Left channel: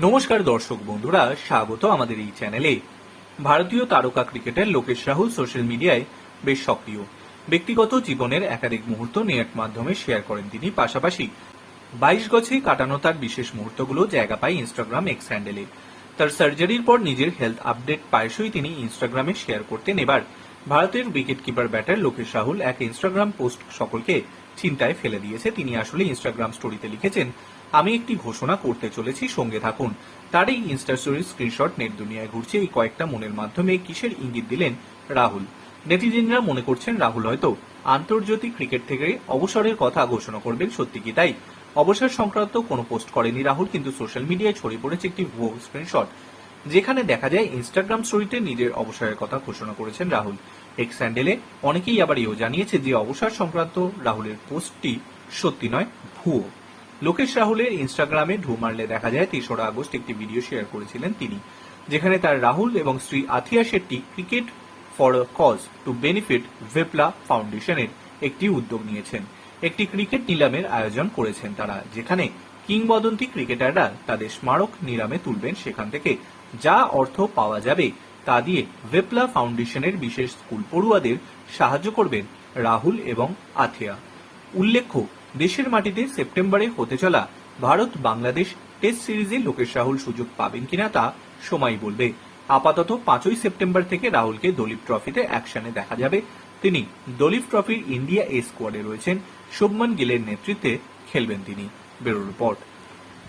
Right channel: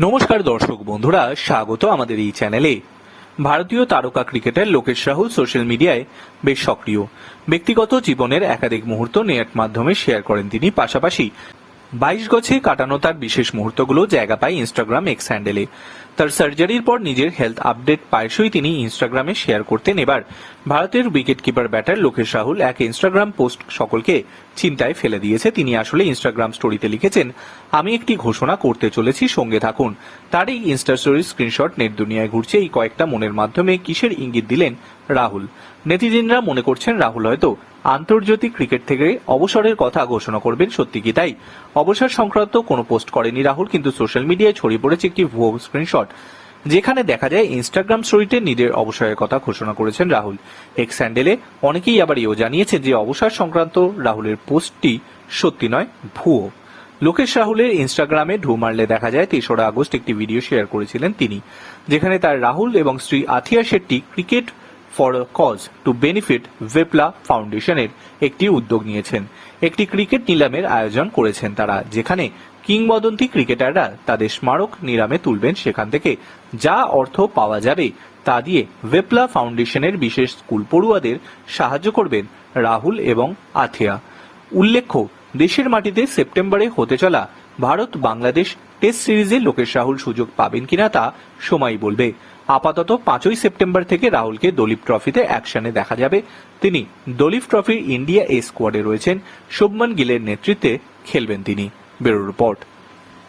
নমস্কার দর্শক বন্ধুরা, স্বাগত আমাদের এই চ্যানেলে। ভারতীয় তারকা ক্রিকেটার লোকেশ রাহুল সোশ্যাল মিডিয়ায় বেশ সক্রিয়। ব্যক্তিগত জীবনের একাধিক মুহূর্ত নেট মাধ্যমে শেয়ার করেন তিনি, পাশাপাশি বাইশ গছে কাটানো তার বিশেষ মুহূর্তগুলো জায়গা পায় ইনস্টাগ্রাম এক্স হ্যান্ডেলে তার সার্জারির পর নিজের হেলথ আপডেট প্রায়শই তিনি ইনস্টাগ্রামে শেয়ার করতেন এবার। ভারতের wicket keeper batter Lokesh Rahul এক ইনস্টাগ্রাম পোস্ট সকলকে চিন্তায় ফেলে দিয়েছে। তিনি আসলে ইনস্টাগ্রাম স্টোরিতে লিখেছেন, আমি একটি ঘোষণা করতে চলেছি, সঙ্গে থাকুন। তার এই ইনস্টা স্টোরির স্ক্রিনশট নেট দুনিয়ায় ঘুরছে। এই কয়েকটা মনের মাধ্যমে কিসের ইঙ্গিত দিলেন রাহুল। নেটিজেনরা মনে করছেন রাহুল হয়তো আন্তর্জাতিক ক্রিকেট থেকে অবসরের কথা ঘোষণা করবেন সত্যি কি তাই? অবসর সংক্রান্ত কোনো পোস্ট করেনি রাহুল, কিন্তু সোশ্যাল মিডিয়ায় ছড়িয়ে পড়েছে একটি ভুয়ো স্ক্রিনশট, যেখানে দেখা যায় ইনস্টাগ্রাম স্টোরিতে নিজের অবসরের কথা ঘোষণা করেছেন রাহুল। এক্স স্যান্ডেলে অনেকেই আবার এও জানিয়েছে যে অবসর সংক্রান্ত রাহুলের পোস্টটি সত্যি নয়, ভুয়ো। লোকেশ রাহুলের ইনস্টাগ্রামে ঢু মারলে দেখা যায় তেসরা আগস্ট একটি ভিডিও শেয়ার করেছিলেন তিনি, যেখানে তার রাহুল এবং Shri Athiya Shetty cricket for a cause to benefit Vipla ফাউন্ডেশনের একটি উদ্যোগ নিয়েছেন। একটি ক্রিকেট নিলামের আয়োজন করেছেন তারা, যেখানে কিংবদন্তি ক্রিকেটাররা তাদের স্মারক নিলামে তুলবেন সেখান থেকে যা অর্থ পাওয়া যাবে তা দিয়ে ভেপলা ফাউন্ডেশনের বিশেষ স্কুল পড়ুয়াদের সাহায্য করবেন রাহুল এবং আথিয়া। উল্লেখ্য, দেশের মাটিতে সেপ্টেম্বরে হতে চলা ভারত বাংলাদেশ টেস্ট সিরিজে লোকেশ রাহুল সুযোগ পাবেন কিনা তা সময় বলবে। আপাতত পাঁচই সেপ্টেম্বর থেকে রাহুলকে দলীপ ট্রফিতে অ্যাকশনে দেখা যাবে। তিনি দলীপ ট্রফির ইন্ডিয়া এ স্কোয়াডে রয়েছেন। শুভমান গিলের নেতৃত্বে খেলবেন তিনি। Bureau report.